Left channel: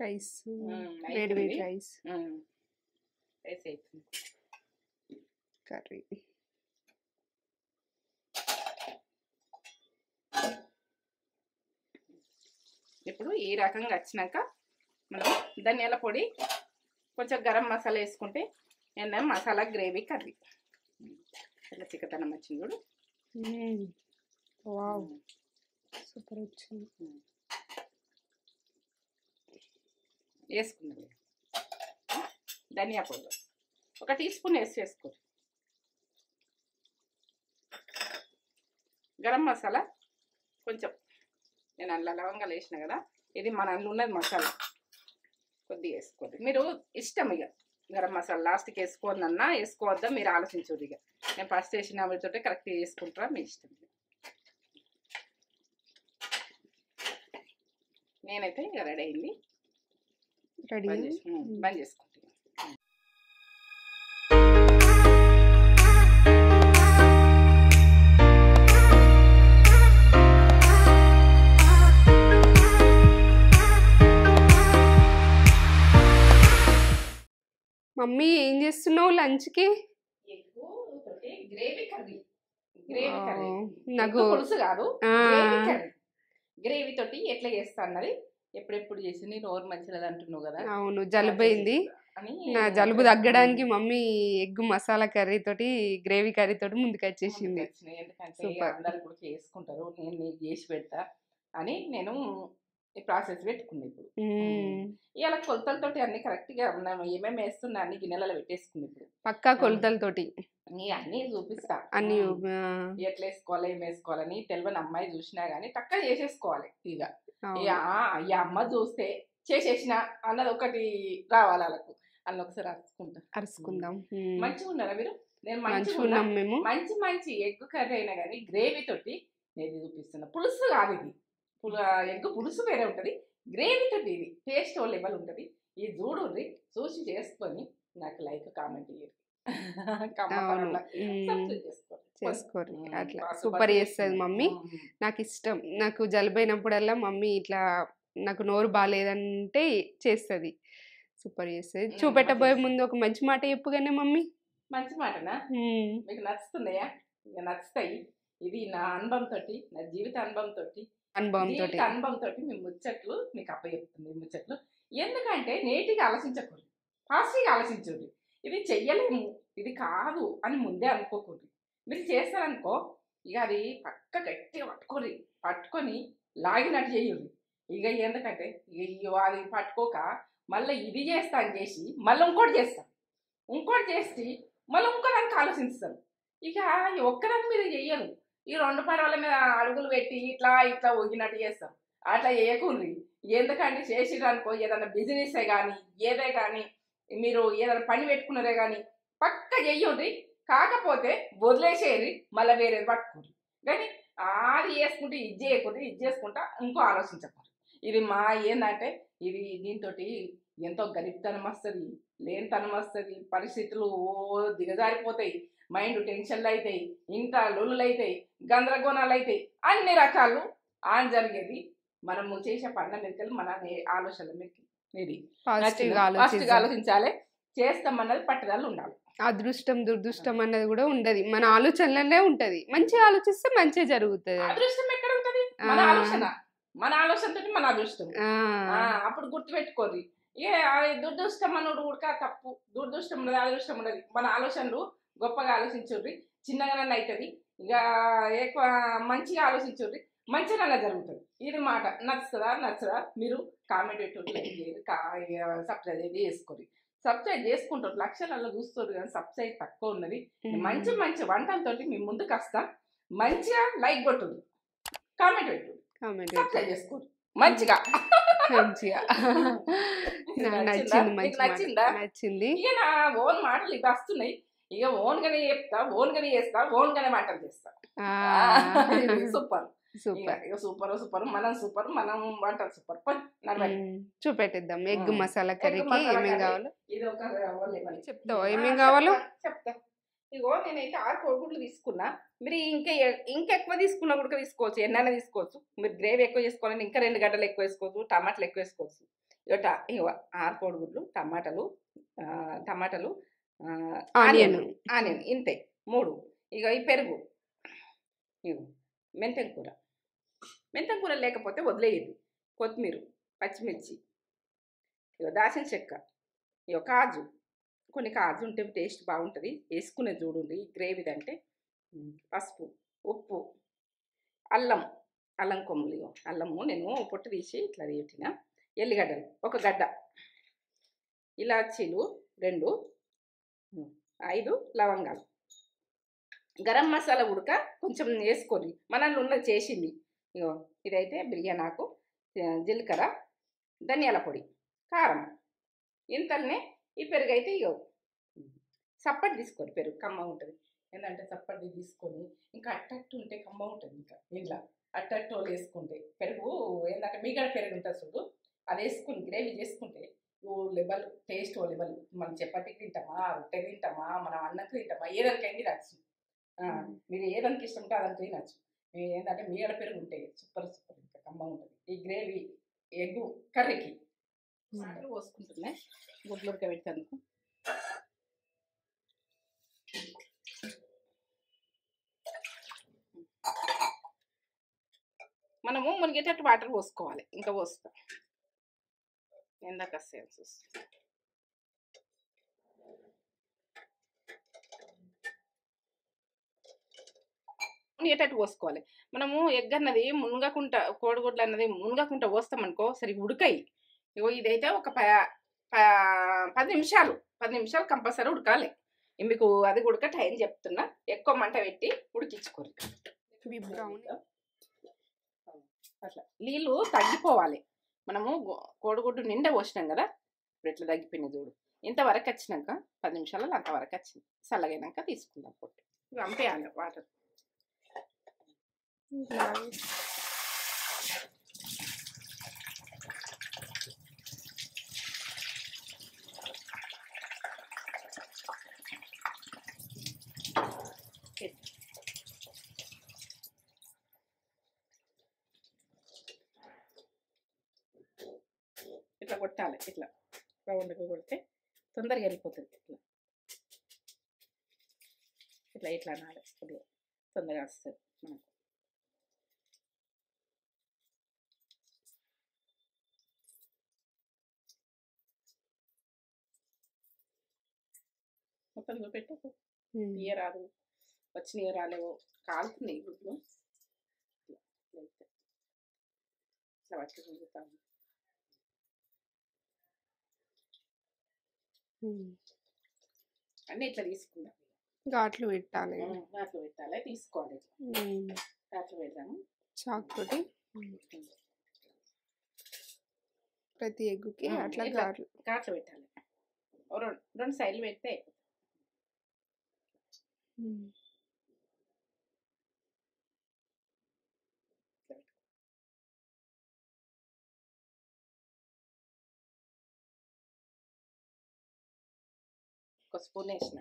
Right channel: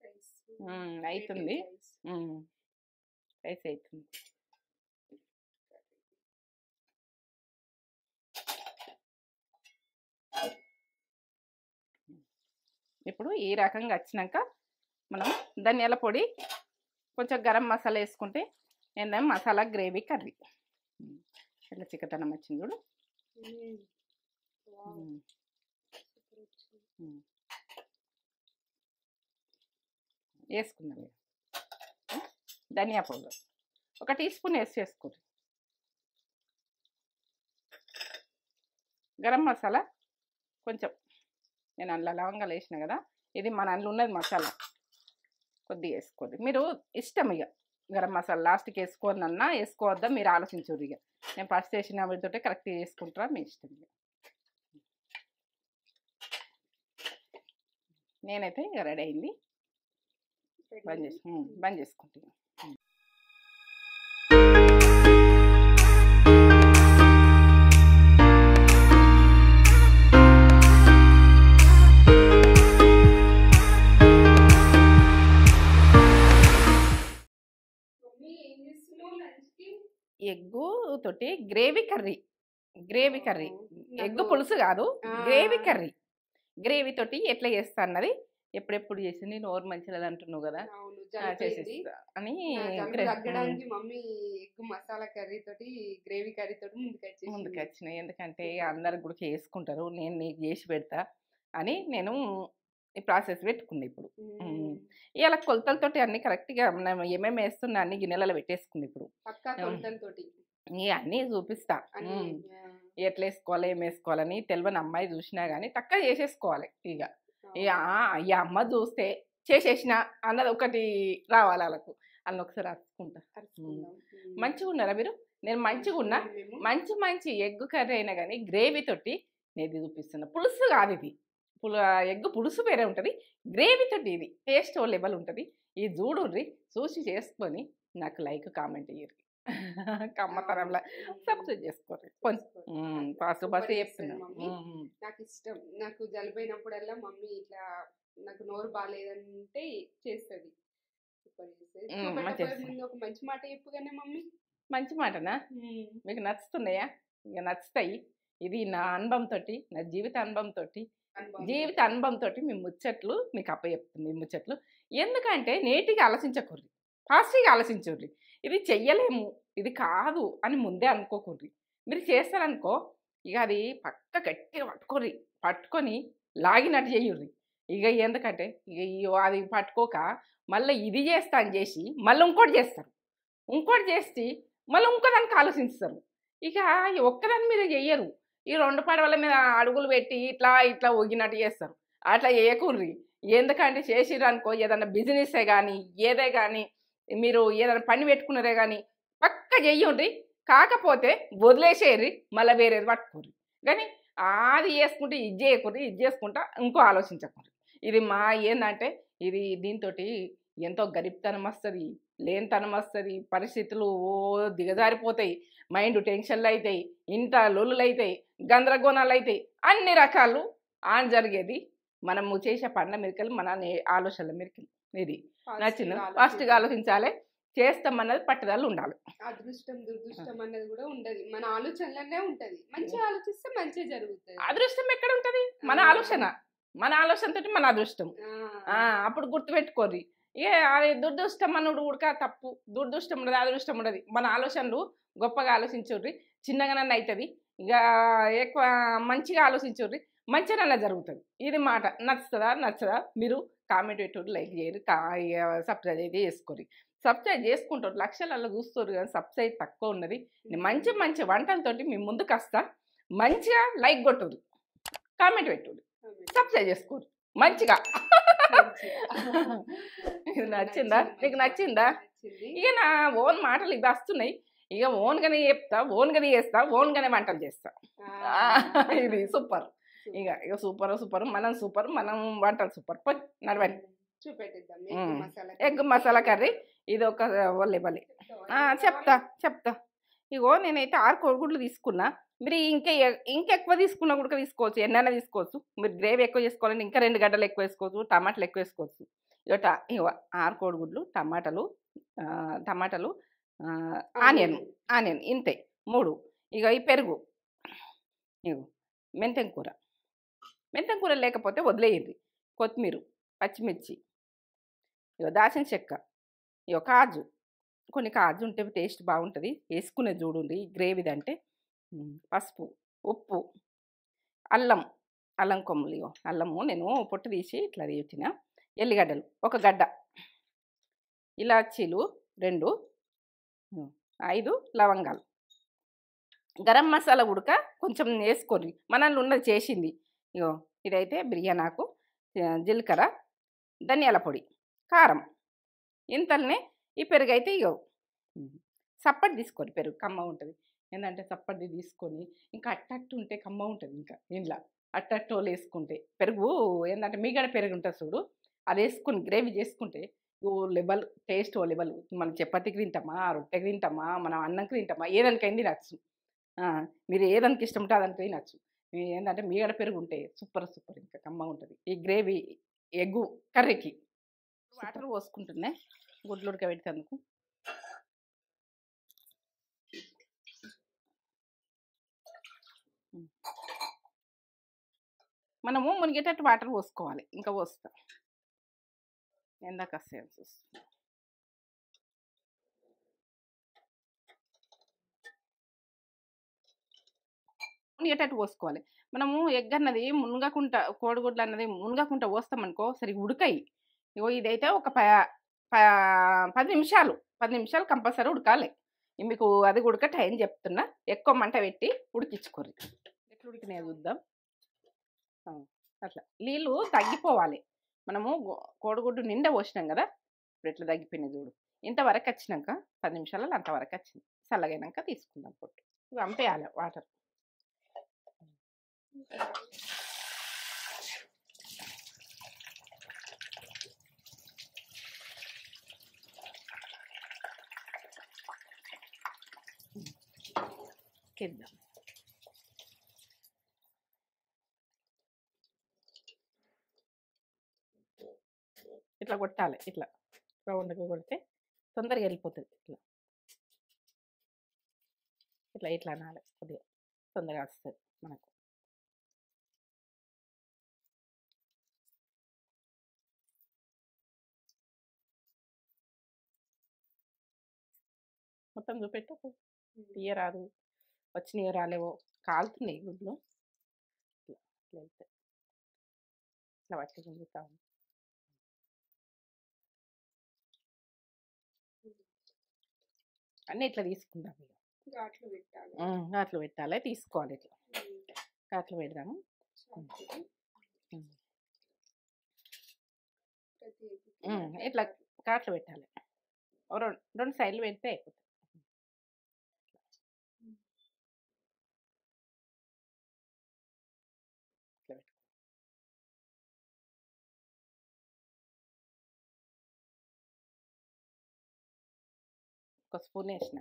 Rice వేడి అవుతుంది. వేడి రైస్ రైస్ అవుతుంది. కర్రీ. ఇప్పుడు ఈ రకంగా వచ్చినాక మనం ధనియాల పొడి కొంచెం గరం మసాలా వేసుకుంటే ఏంటంటే మసాలా గ్రేవీ కర్రీ ఇలా చిక్కదనం వచ్చింది చూడు. వావ్ సూపర్ వచ్చింది. వేసుకుందాం. ధనియా పౌడర్ 1 టీ స్పూన్ వేసుకోండి. గరం మసాలా కొంచెం, నేను అందులో లవంగాలు వేసిన కదా, ఇది మన అందులో ఉన్నది మసాలా కొద్దిగా వేసుకోండి. మీరు ఇష్టం ఇక గరం మసాలా లాస్ట్కి వేసుకోవద్దన్నా వేసుకోవద్దా మీరు ఆలోచించరు. ఇక నేను ఫస్ట్ వేసిన వీటితో కరెక్ట్గా వేసుకుంటారా మీ ఇష్టం. నేనైతే ఇక రెడీ అయింది. బంద్ చేసుకుంటాను. మమ్మీ ఏం చేస్తున్నావు లంచ్కి? ఎగ్గు తోటి గ్రేవీ కర్రీ. నాకు పులుసు కాదు, గ్రేవీ కర్రీ. గ్రేవీ తోటి ఎట్లా చేస్తా అన్నది ఎప్పుడెప్పుడు చేసింది. నోరు మంచిది అంటున్నావు కదా. అవును, జలుబు అయింది అని నా జలుబు తగ్గడానికి మమ్మీ ఎగ్ మసాలా కర్రీ తోటి గ్రేవీ కర్రీ తోటి ముందుకు వచ్చేసింది. ఎందుకంటే అందరు కూడా చేసుకుంటారు, నేను నీకు చేసి పెడతా అని నేను ఈ ప్రాసెస్ పెట్టుకుంది. ఇప్పుడు ఇలా కొలతలతోటి అన్ని కరెక్ట్గా ఏమేమి వేస్తున్నా అన్ని గిన్నెలలో పెట్టేసుకుంది. ఇప్పుడు పక్కా కొలతలతోటి అన్నీ చూపిస్తా. అన్ని ఎట్లా వేసుకోవాలి ఏం వేసుకోవాలని తెలియని అమ్మాయి చూసినా కానీ టక్క చేసేసుకోవాలి. ఇక ఈ అమ్మ చూస్తే చేసేసిన అన్నది ఒకటి రావాలి వాళ్ళకు. అన్న ఒకసారి అరుచుకుందాం. మంచిగా ఉన్నారా మీరు? నేను మంచిగా ఉన్నా. మంచి ఎగ్ కర్రీ అయినా కానీ గ్రేవీ తోటి నేను చూపిస్తున్నా. పులుసు కాదు ఇది, ఎగ్ పులుసు వేరే ఉంటుంది, గ్రేవీ తోటి ఇది టేస్ట్ లెవెల్ ఉంటుంది. ఇది చూడండి, చూసి చేసుకొని నాకు లైక్ కామెంట్ ఇయ్యండి. సూపర్ చేస్తుంది మమ్మీ. నాకు ఇష్టం. నాకు జలుబైనప్పుడల్లా మమ్మీ ఇట్లా నాకు నోరు బాగాలేదంటే చేస్తుంది, సూపర్ చేస్తుంది. చూపెట్టబోయే ముందు ఒక మంచి మాట చెప్పుగానే మమ్మీ. మంచి మాటనా? మీకు నచ్చుతున్నాయా? ఇక నచ్చుతాయి. ఇది నా అనుభవంతో, నా జీవిత అనుభవంతో మీ ముచ్చట్లు మీకు అప్పచెప్తుంది. మీ ముచ్చట్లు ఎందుకంటే నేటిగా ఆలోచించకూడదు, ఫాస్ట్గా ఆలోచించకూడదు. ఇది చెయ్యలేము, ఇది కాదు అని ముందే అనుకోకూడదు. మీరు చేస్తారనుకో ఇక అది పక్క గట్టిగా పట్టుకొని లాగినట్టు చేయుర్రి. ఇక ఎందుకంటే ఇక అది పట్టుకోక మళ్ళీ ఇది చేస్తా అని చేసి మళ్ళీ ఇంకోటి చేస్తారు, ఇంకోటి చేసి మళ్ళీ ఇంకోదానికి ఆలోచిస్తారు. ఇక ఒక్కదాని మీద చెయ్యరు. ఈ 2 పడవల మీద అడుగులు పెట్టి ఇట్లా ఒగినట్టు చేస్తారు. అట్లా చేయకూడదు. ఎందుకంటే చేసిర్రు అనుకో ఏదైనా బిజినెసే కానీ ఏదే కానీ మీరు ఏదైనా పని పెట్టుకున్నారే కానీ పక్క చెయ్యండి. కాకపోతే వదిలేసేయండి, మళ్ళీ వేరేది పట్టుకోరు. కానీ అది చేసుకుంటే ఇది చేయకూడదు, ఇది చేసుకుంటా ఇంకో ఆలోచించకూడదు. ఇది మా ఏంటంటే ఇది దీంతో ఎంతో గరీబ్తనం వస్తుంది, లేనితనం వస్తుంది, పరిస్థితులు దిగజారిపోతాయి, మైండ్ టెన్షన్లు అవుతాయి, ఇంత లొల్లులు అవుతాయి, గందరగోళాలు అవుతాయి, అన్ని రకాలు ఆన్ జరిగేది మనము చేసే పండ్ల మెరికలు, మన ఆలోచనల మెరికలు. ఇది పాజిటివ్గా ఆలోచించాలి, చేస్తామన్నది పట్టుదల ఉండాలి. అదృష్టం దురదృష్టం అన్నది కూడా ఉండదు, మన ఆలోచనలనే ఉంటది. మంచిగా ఆలోచిస్తే మంచిగా జరుగుతుంది. అదృష్టం ఎక్కడ ఉంటది? మన ఆలోచనతో మన అదృష్టం. అప్పుడు గుర్తుపెట్టుకోది. అది దురదృష్టం అన్నది కూడా తప్పు. దురదృష్టం ఉండదు, అదృష్టం ఉండదు. మన ఆలోచనలు గొప్పగా ఆలోచించుర్రి, చిన్నగానన్నా అవుతుంది. ఇక ఎక్కువ మంచిగా ఆలోచించుర్రి, మంచిగానన్నా జరుగుతుంది. ఇది మాట. నచ్చదా మీరు కామెంట్ పెట్టి లైక్ చేయరు, సబ్స్క్రైబ్ అయితే చేసుకోరు. సబ్స్క్రైబ్ చేసుకుంటారు, లక్షలలో చూస్తారు కానీ సబ్స్క్రైబ్ తక్కువ ఉన్నది. మంచి వంటలతోటి మీ ముందుకు వస్తా. మంచిగా లైక్ కొట్టుడు, కామెంట్ పెట్టుడు, సబ్స్క్రైబ్ చేసుకోరు మంచిగా. నచ్చిందా? ఇక నా ఓన్ మాటలు ఇవి వస్తున్నాయి. ఇక ఓన్గానే చెప్తా, ఓన్గానే చేస్తా, ఓన్గానే వంటలు చేస్తా. సూపర్ సూపర్ మనం సూపర్, మనం వంటలు సూపర్. చూపెట్టిద్దాం. ఎగ్ మసాలా కర్రీ ఇది ఒక చెప్తా. ఇగో నేనైతే 6 కోడిగుడ్లు తీసుకున్నా. మీరు ఇంకెక్కువ తీసుకున్నా కూడా తీసుకోవచ్చు. ఎన్నైనా తీసుకోవచ్చు. మీరు గ్రేవీ ఎక్కువ చేసుకోవాలంటే ఇంకా 2 గడ్డలు ఎక్కువ వేసుకోవచ్చు. టమాటాలు ఎక్కువ వేసుకోవచ్చు. ఇగో 6 కోడిగుడ్లు, టమాటాలు, ఆనియన్. ఆనియన్ ఇంతే 3. ఇగ ఈ పెరుగు, ఇగో మెంతెం కూర. మెంతెం కూర లేకపోతే వదిలేయండి. కొత్తిమీర, పచ్చిమిర్చి, ఇగో దాల్చిన చెక్క, ఇగో కాజు. కొన్ని కాజు ఉంటే టేస్ట్ బాగుంటుంది. వేసుకునేది చూడండి గ్రేవీది అంటే. పసుపు, ఉప్పు, అల్లం కొమ్ములు. ఇగో అల్లము నేను పొట్టు తీసి ఇట్లా తీసిన. ఎల్లిగడ్డలు 1 గడ్డ, ఇలాచీలు 2, 5 లవంగాలు. గరం మసాలా ఉడక కొంచెం వేసుకోండి. మనల్ని ఉన్నది చేసింది. ఇగో ఇదైతే బిర్యానాకు, జీలకర్ర, ధనియాల పొడి, కారం. ఇంతల్నే ఈ పెరుగు అయితే ఇగో సప్పటి తీసుకోండి. పెరుగు కమ్మ ఉంటుంది. ఏంటంటే చప్పటి తీసుకొని ఇంకా అట్టట్టు ఉంటే కమ్మ ఉంటుంది. ఇంకా ఇంట్లో అట్టట్టు వేసుకుంటే పెరుగు ఏంటంటే మీగడ పెరుగు ఉంటుంది చూడు, అది వేసుకుని గ్రేవీ చేసుకుంటే ఓ లెవెల్ టేస్ట్, ఓ లెవెల్. మనం చపాతీకి తింటామా, రొట్టెకి తింటామా, మనం అన్నంకి తింటామా, ఏదానికైంది తినచ్చు. మీరు ఏదానికి ఇష్టం ఉంటే అదానికి తినచ్చు. ఏంటంటే మీగడ పెరుగు ఉంటే సూపర్ ఇంకా కమ్మ ఉంటుంది. ఈ గ్రేవీ ఎగ్గు కర్రీకి వాటర్ పోసుకుంటున్నాయి గుడ్లు ఉడకబెట్టేందుకు. మనము మునిగేటట్టు వాటర్ పోసుకోవాలి. ఇంకా పోస్తాం ఎందాక సేల్స్ వస్తుంది. మునిగేటట్టు పోసుకోవాలి. మనము ఎగ్ అన్నది మునగకుండా, కోడిగుడ్లు అన్నది మునగకుండా పోస్తామనుకో సరిగ్గా ఉడకాయి. ఇగో ఇదైతే ఒక 10 నిమిషాలు కంపల్సరీ ఉడకాలి. మీకు అది ఉడక టైం చెప్తున్నా. ఎక్కువ మంట పెట్టి ఉడికించుకోరు. అట్లా నీళ్ళు తగ్గిపోవాలి. మనము కోడిగుడ్డు నిండా పోసినాం కదా, ఇప్పుడు ఇట్లా తగ్గిపోయినాయి చూడు. ఇంతవరకు వచ్చినాక 10 నిమిషాలలో అంతవరకు వచ్చింది. చల్లగైనాక తీసుకుందాం పొట్టు. పంపేయాలి వాటర్. ఇట్లా కొట్టాలి. ఇట్లా రౌండ్గా కొడితే తొందరగా వెళ్ళిపోతుంది. ఇట్లా అనాలి. కొద్దిగా తొందరగా వస్తుంది మనకు. మొత్తం చూపెట్టు. ఇయ్య రాదు, వచ్చినాయో రాలేవో, కాలుతున్నాయి గుడ్లు. ఇట్లా పట్టి చూస్తాము. అన్నీ ఇట్లా తీసుకుందాం. ఘాట్లు పెట్టాలి. తీసుకోవాలి. ఇట్లా ఘాట్లు పెడదాము చాకు తోటి. ప్రతి ఎగ్గుకి అట్లా ఘాట్లు పెట్టాలి. 2 సైడ్లు పెడితే అయిపోతుంది. ఒక స్పూన్ వేసిన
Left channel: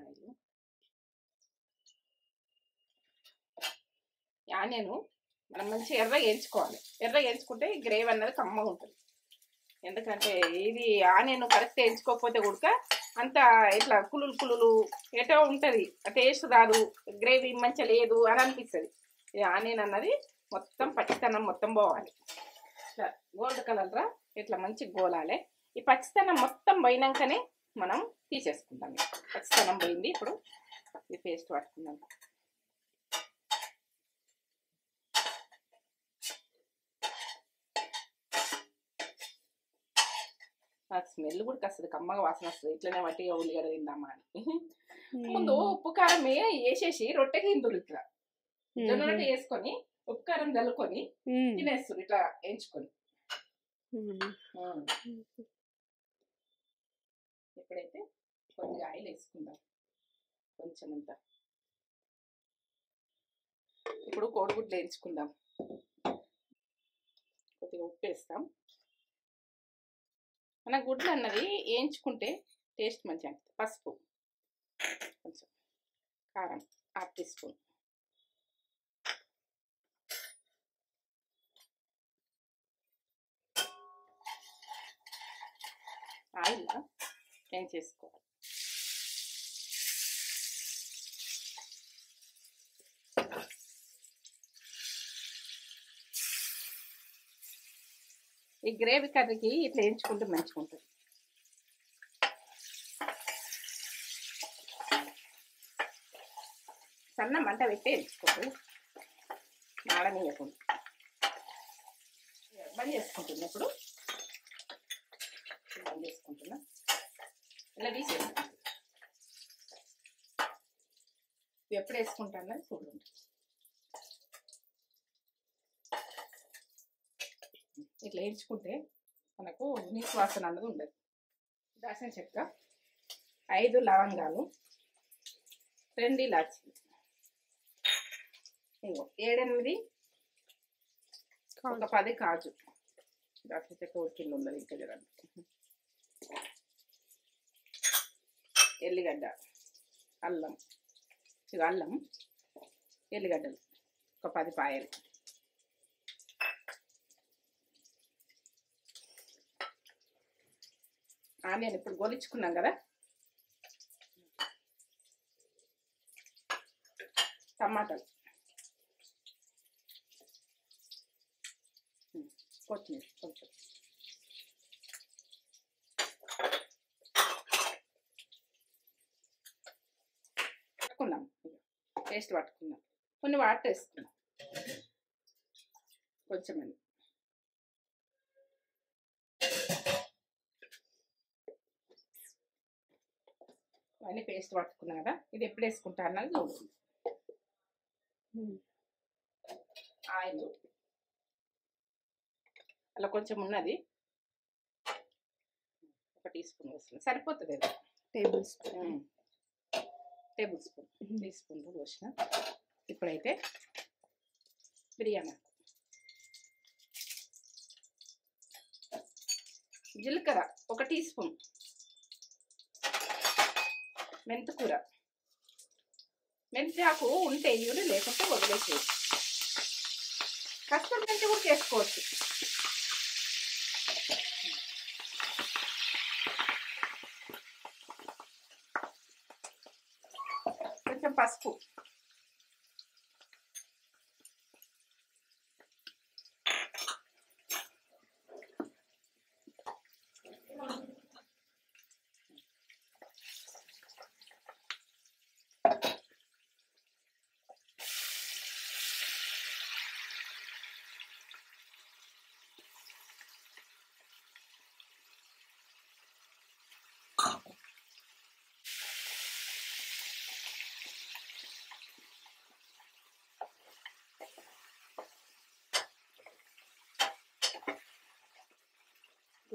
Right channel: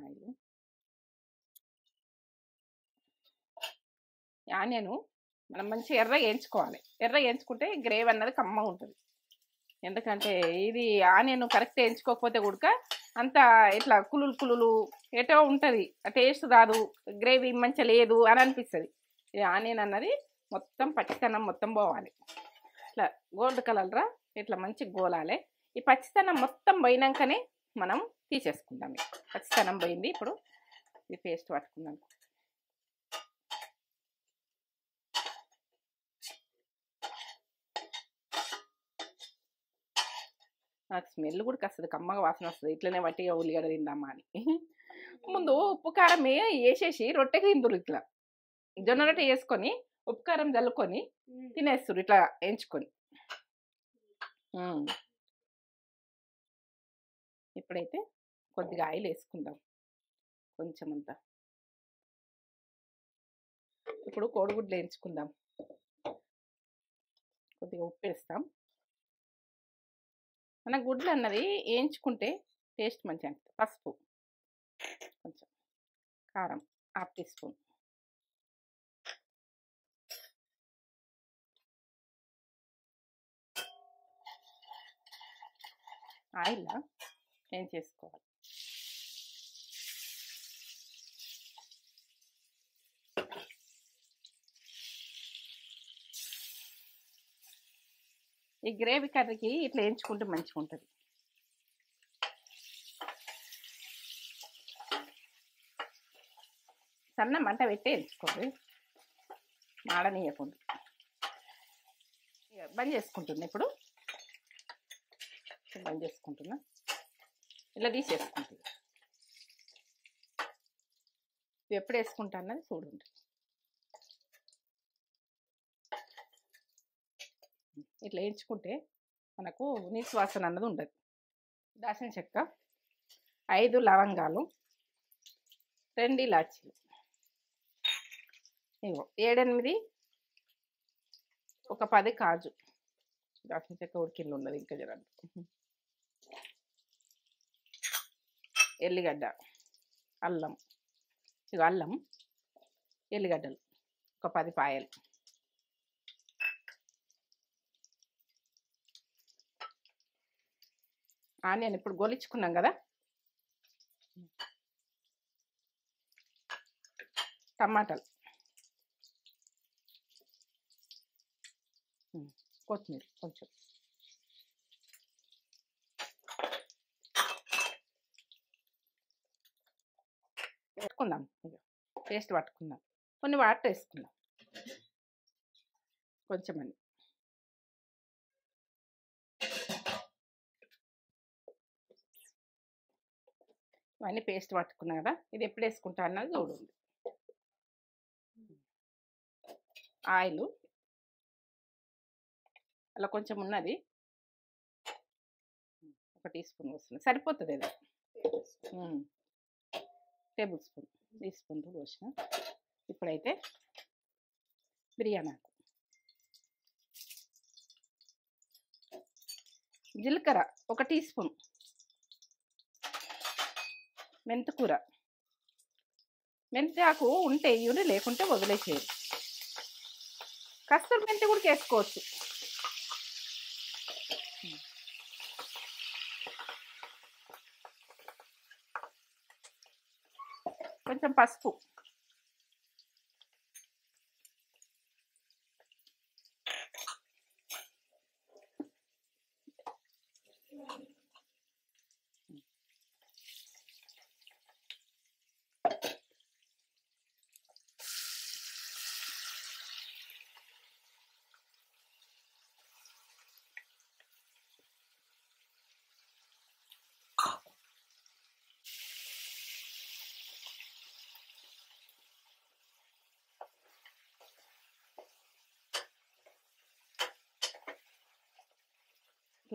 ఆనియన్ మనం మంచిగా ఎర్రగా వేయించుకోవాలి. ఎర్రగా వేయించుకుంటే గ్రేవీ అన్నది కమ్మ ఉంటుంది. ఎందుకంటే ఇది ఆనియన్ కరెక్ట్ వేయించుకోకపోతే ఉడక అంతా ఇట్లా కులులు ఎటో ఉంటుంది. టేస్ట్ రాదు, గ్రేవీ మంచిగా లేదు అని అనిపిస్తుంది. ఈ ఆనియన్ అన్నది మొత్తం పచ్చితనం మొత్తం పోవాలి. ఇట్లా గోల్డ్ కలర్రా ఇట్లా మంచిగా గోలాలి. ఈ పచ్చితనం మొత్తం పోయినాకనే మనం తీసేసుకుందాం. పచ్చితనం పోయింది. ఇప్పుడు ఈ పేస్ట్ పట్టుకుందాం. నాకు స్మెల్ కూడా వస్తుంది, కమ్మగా వాసన వస్తుంది. ఇట్లనే వట్టిగా ఉల్లిగడ్డ తిందామా అని. ముందు ఉప్పు కారం వేసేసి రొట్టెకి తిందురు. ఇట్లా జొన్న రొట్టె వేసుకొని ఉప్పు కారం చల్లుకొని తినేస్తారు ఇట్లా వేయించుకొని. ఇప్పుడైతే కొద్దిగా ఆయిల్ వేసుకుందాం, కొంచెం అంతా. ఇప్పుడు కోడిగుడ్లు వేయించుకుందాం. కొద్దిగా ఉప్పు వేస్తాం. మన గుడ్లు అన్నది వేయించుకుంటే టేస్ట్ మంచిగా అనిపిస్తుంది. పసుపు కొంచెం, కారం హాఫ్ టీ స్పూన్, ఆయిల్ ఏం చేసుకోవాలి. ఈ గ్రేవీ కర్రీకి ఇట్లా వేయించుకుంటే మంచిగా ఉంటుంది. సన్న మంట పెట్టి వేయించుకోవాలి, మాడనీయకుండా. బంద్ చేసుకుంటున్నా, ఇప్పుడు బంద్ చేసుకుంటున్నా, ఇలా తీసేసుకుంటున్నా. ఎప్పుడు వేసుకుంటా అన్నది చూడండి. ఇట్లా వేయించుకుంటే మనకు నీసు వాసన అన్నది ఉండదు. దాల్చిన చెక్క, 5 లవంగాలు, 2 ఇలాచీలు, 7-8 ఒక 10 కాజు. దాల్చిన చెక్క ఉడికింది ఉన్నది ఇంకా జరండి. ఎల్లిగడ్డ, అల్లం, అల్లం, ఎల్లిగడ్డలు ఒక 10 పాయలు, ఆనియన్ ఇప్పుడు గోలించుకున్నాం కదా, టమాటాలు, కొత్తిమీర కొంచెం, పట్టుకుందాం, పేస్ట్ పట్టుకుందాం. కొన్ని వాటర్ వేసుకుందాం కొంచెం అండి. ఇవన్నీ పేస్ట్ పట్టుకున్నా కదా, ఇది ఎప్పుడు వేసుకుంటా అన్నది చూడండి. ఆయిల్ అలా కొంచెం ఉన్నది, 1 టీ స్పూన్ వస్తుంది, సరిపోతుంది. ఇది టేబుల్ స్పూన్ టీ స్పూన్లు పోసిన. ఇప్పుడైతే బిర్యానీ ఆకు, జీలకర్ర 1 టీ స్పూన్, మెంతికూర, మెంతి ఆకు ఉంటే ఇవి, లేకుంటే వదిలేసేది. కస్తూరి మెంతి కూడా చేసుకోవచ్చు. కొంచెం పసుపు,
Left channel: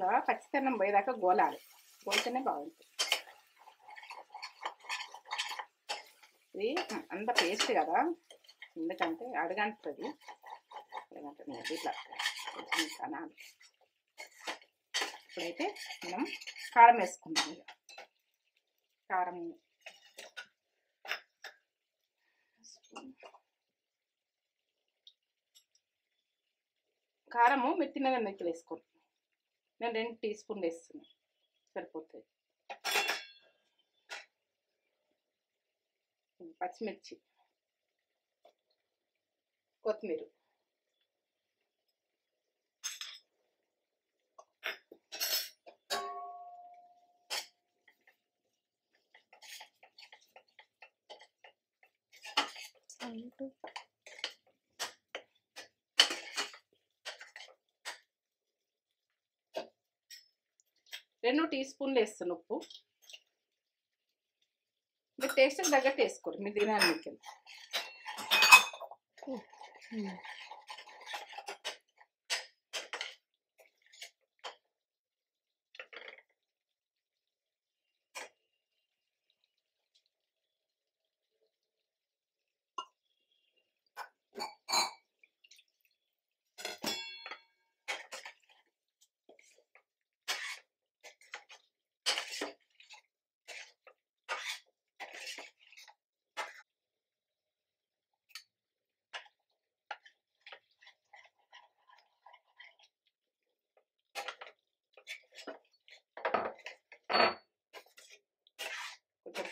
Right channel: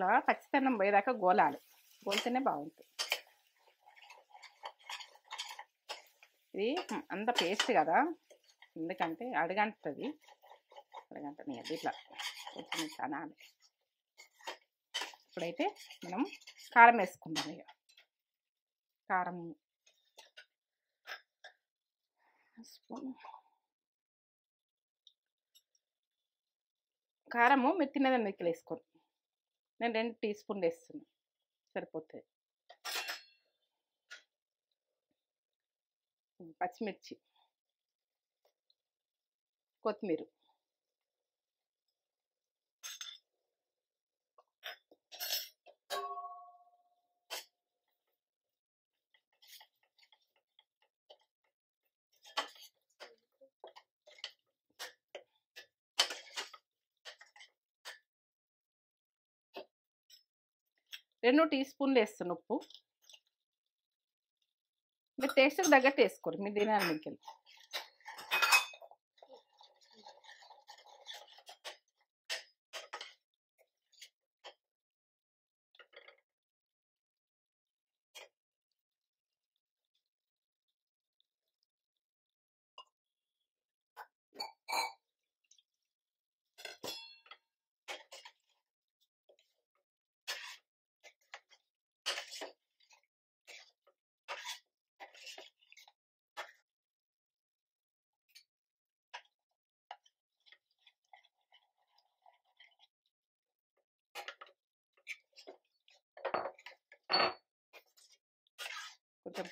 ఇట్లా పచ్చితనం పోయేదాకా గోలాలి, గోలితేనే బాగుంటుంది. ఇది అంత పేస్ట్ కదా, ఎందుకంటే అడగంటుంది, అడగంటుంది ఇట్లా కొంచెం కనాలి. ఇప్పుడైతే మనం కారం వేసుకుందాం. ఇక కారం కారము మీరు తినేదాన్ని మీకు వేసుకోండి. నేను 2 టీ స్పూన్లు వేస్తున్నాను, సరిపోతుంది. పచ్చిమిర్చి, కొత్తిమీర, రెండు టీ స్పూన్లు వేస్తాను ఉప్పు. మీరు టేస్ట్కి తగ్గట్టు వేసుకోరు, మీరు తినడానికి.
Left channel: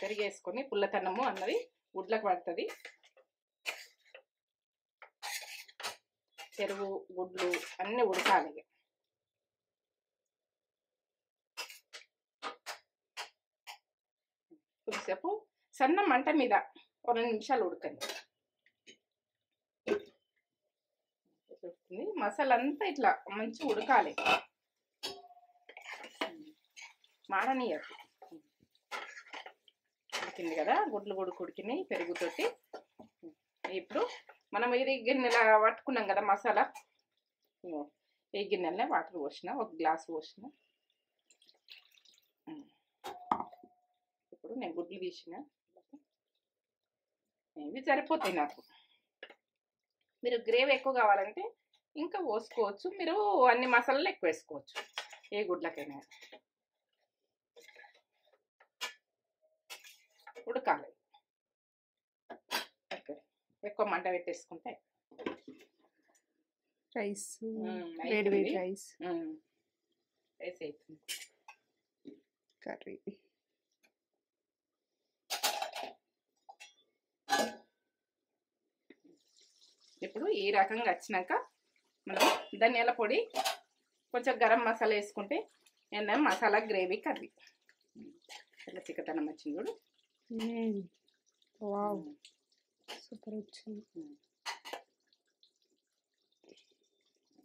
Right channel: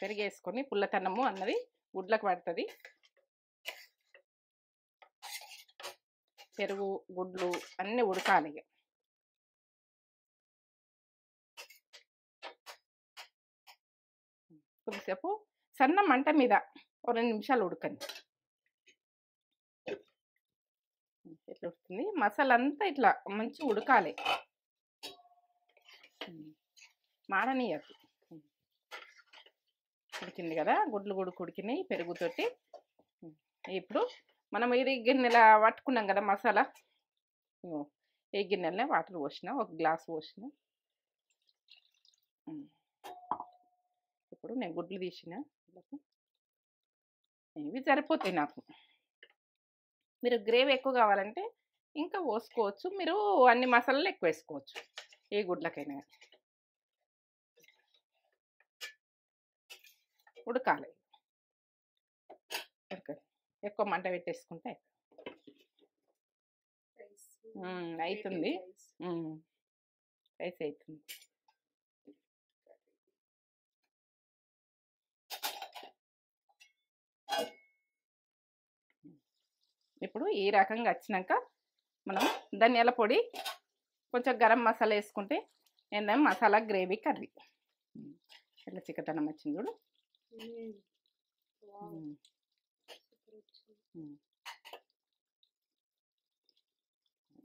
పెరుగు వేసుకొని పుల్లతనము అన్నది గుడ్లకు పడుతుంది. పెరుగు గుడ్లు అన్నీ ఉడకాలి. కొద్దిసేపు సన్న మంట మీద 2 నిమిషాలు ఉడకండి. ఇట్లా ఉడుకుతుంది. మసాలా అంతా ఇట్లా మంచిగా ఉడకాలి, మాడనీయదు. ఉడికింది కదా, గుడ్లు ఉడికినాయి పెరుగుతోటి. ఇప్పుడు మనం ఇది గిన్నెల పట్టుకున్నాం కదా మసాలా, ఈ గిన్నెలనే వాటర్ పోసిన, 1 గ్లాస్ పోసిన. ఇప్పుడు నేను గుడ్లు తీసిన, ఇవి సరిపోతాయి నాకు. మీరు గ్రేవీ ఎక్కువ కావాలంటే ఇంకా పోసుకోవచ్చు, మీరు అన్ని మసాలాలు ఎక్కువ వేసుకోవచ్చు ఈ గుడ్లకైనా. ఉడకాలి, ఎక్కువ మంట పెట్టేసుకుంటే రైస్ అవుతుంది. రైస్ రైస్ అవుతుంది. కర్రీ ఇప్పుడు ఈ రకంగా వచ్చినాక మనం ధనియాల పొడి, కొంచెం గరం మసాలా వేసుకుంటే ఏంటంటే మసాలా గ్రేవీ కర్రీ ఇట్లా చిక్కదనం వచ్చింది చూడు. సూపర్ వచ్చింది.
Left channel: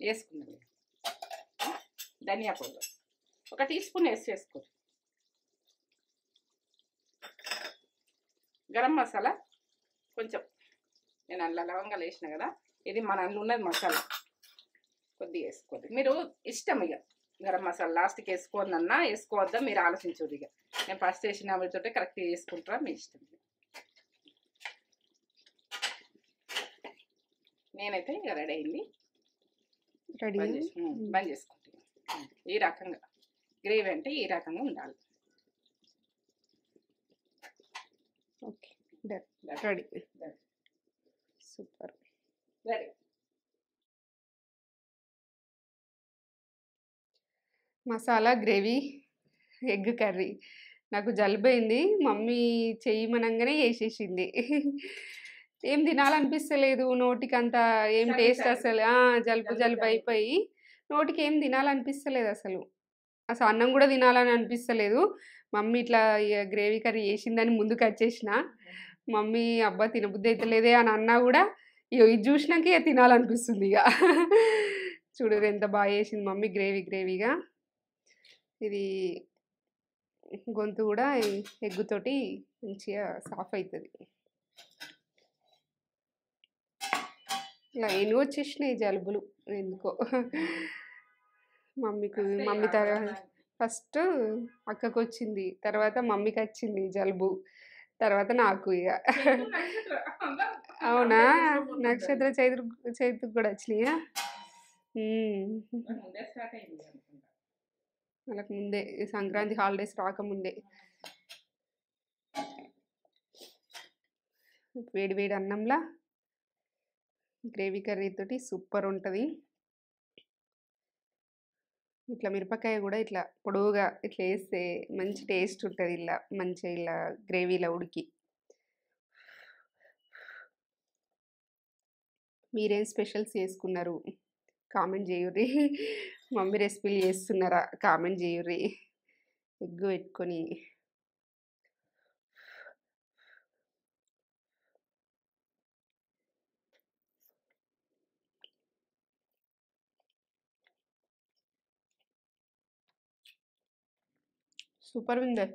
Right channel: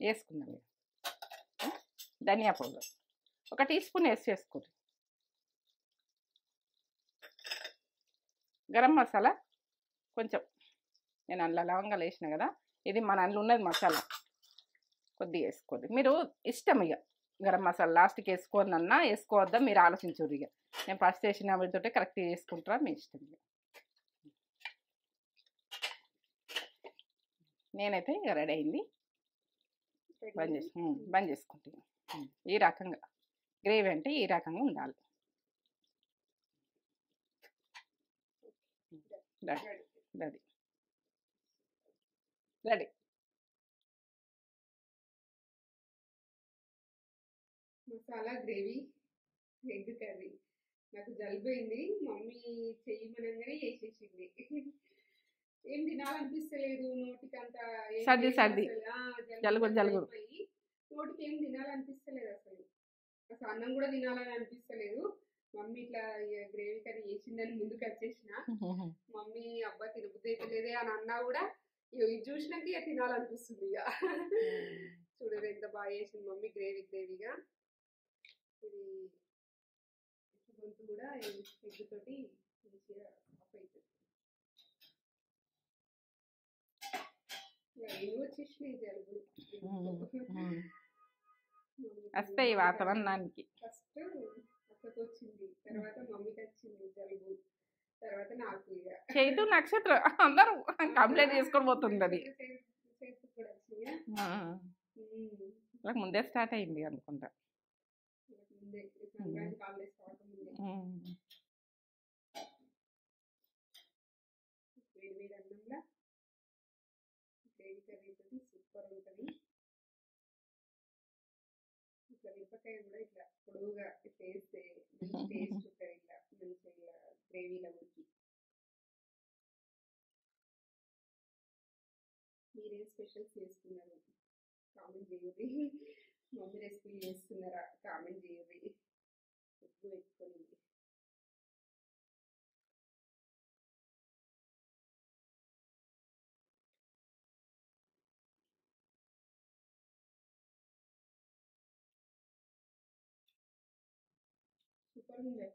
వేసుకుందాం. ధనియా పౌడర్ 1 టీ స్పూన్ వేసుకోండి. గరం మసాలా కొంచెం, నేను అందులో లవంగాలు వేసిన కదా, ఇది మన అందులో ఉన్నది మసాలా, కొద్దిగా వేసుకోండి. మీరు ఇష్టం ఇక గరం మసాలా లాస్ట్కి వేసుకోవద్దన్నా వేసుకోవద్దా మీరు ఆలోచించరు. ఇక నేను ఫస్ట్ వేసిన వీటితో కరెక్ట్గా వేసుకుంటారా మీ ఇష్టం. నేనైతే ఇక రెడీ అయింది. బంద్ చేసుకుంటాను. ఈ రకంగా గ్రేవీ అంటే ఈ రకంగా ఉండాలి. Okay, ready ready, super ready. Masala gravy egg curry. నాకు జలుబైంది, మమ్మీ చెయ్యమనంగానే చేసేసింది. ఏం తినాలనిపిస్తలేదు, నోటికి అంత ఏం టేస్ట్ అసలు. జలుబు అయిపోయి నోటికి ఏం తినాలనిపిస్తలేదు అసలు. అన్నం కూడా తినాలని అనిపిస్తలేదు. మమ్మీ ఇట్లా గ్రేవీ కర్రీ చేసిందని ముందుకు వచ్చేసిన. మమ్మీ అబ్బా తినబుద్ధి అయితే లేదే అని అన్నా కూడా ఇది చూసినాక ఇక తినాలనిపిస్తుంది. ఇక చూడరు ఎంత బాగా చేసింది మమ్మీ గ్రేవీగా. ఇది గొంతు కూడా ఎగ్గుతోటి మంచిగా సాఫ్ అవుతుంది. ఇలా ఎన్ని వచ్చేసినాయి జలుబులు ఎందుకో. మమ్మీ ఫస్ట్ అక్కకు వచ్చింది, తర్వాత మమ్మీకి వచ్చింది జలుబు, తర్వాత నాకు. ఇక అవునా, నక్షత్ర చైతుకు కూడా వచ్చినాయా? ముందే స్టార్ట్ అయింది అనుకుంటా, వాళ్ళకి ముందే సంక్రాంతి హాలిడేస్ రాకముందే. వేడి వేడి అన్నంలా గ్రేవీ కర్రీ తోటి సూపర్ ఉంటుంది. ఇట్లా మిరపకాయ కూడా ఇట్లా పొడవుగా ఇట్లా వేస్తే మంచి టేస్ట్ ఉంటుంది. ఇలా మంచిగా ఇలా గ్రేవీలో ఉడికి. మీరేం స్పెషల్స్ చేసుకున్నారు కామెంట్ చేయుర్రి. మమ్మీ రెసిపీలు చేస్తున్నారా కామెంట్ చేయుర్రి. ఎగ్ పెట్టుకొని సూపర్ ఉంది.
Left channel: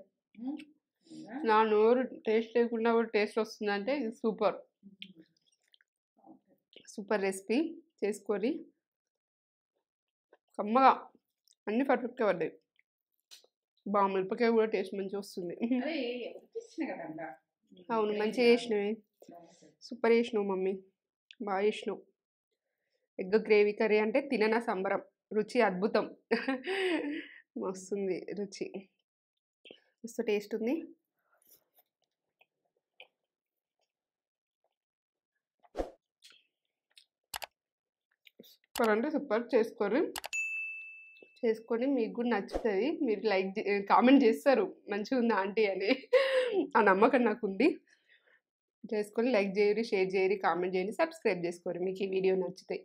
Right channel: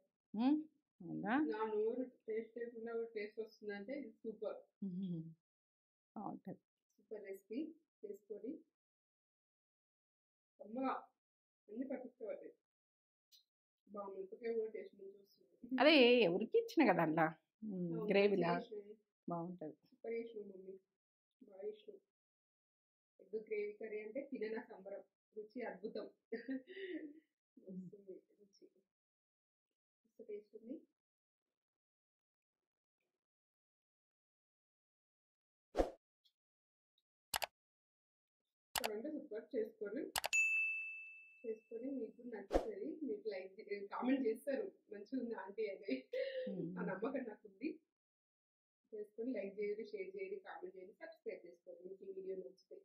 నా నోరు టేస్ట్ లేకుండా కూడా టేస్ట్ వస్తుందంటే సూపర్. సూపర్ రెసిపీ చేసుకొని కమ్మగా అన్ని పర్ఫెక్ట్గా పడ్డాయి. బాగా మిరపకాయ కూడా టేస్ట్ మంచిగా వస్తుంది. అదే ఎవరికి ఇచ్చిన కదా అలా. అవును, మంచిగా చేసినవి, సూపర్ చేసినావు మమ్మీ, బాగా చేసినావు. ఎగ్ గ్రేవీ కర్రీ అంటే తిననా సంబరం, రుచి అద్భుతం. వస్తుంది రుచి, మస్తు టేస్ట్ ఉంది. సూపర్ అంటే సూపర్. చేసుకొని మీకు కూడా నచ్చుతుంది, మీరు లైక్ కామెంట్ చేస్తారు మంచిగా ఉంది ఆంటీ అని. ఆ నమ్మకం నాకుంది. చేసుకొని లైక్ చేయరి, షేర్ చేయరి, కామెంట్ చేయండి, సబ్స్క్రైబ్ చేసుకోరు మీకు ఈ వీడియో నచ్చితే.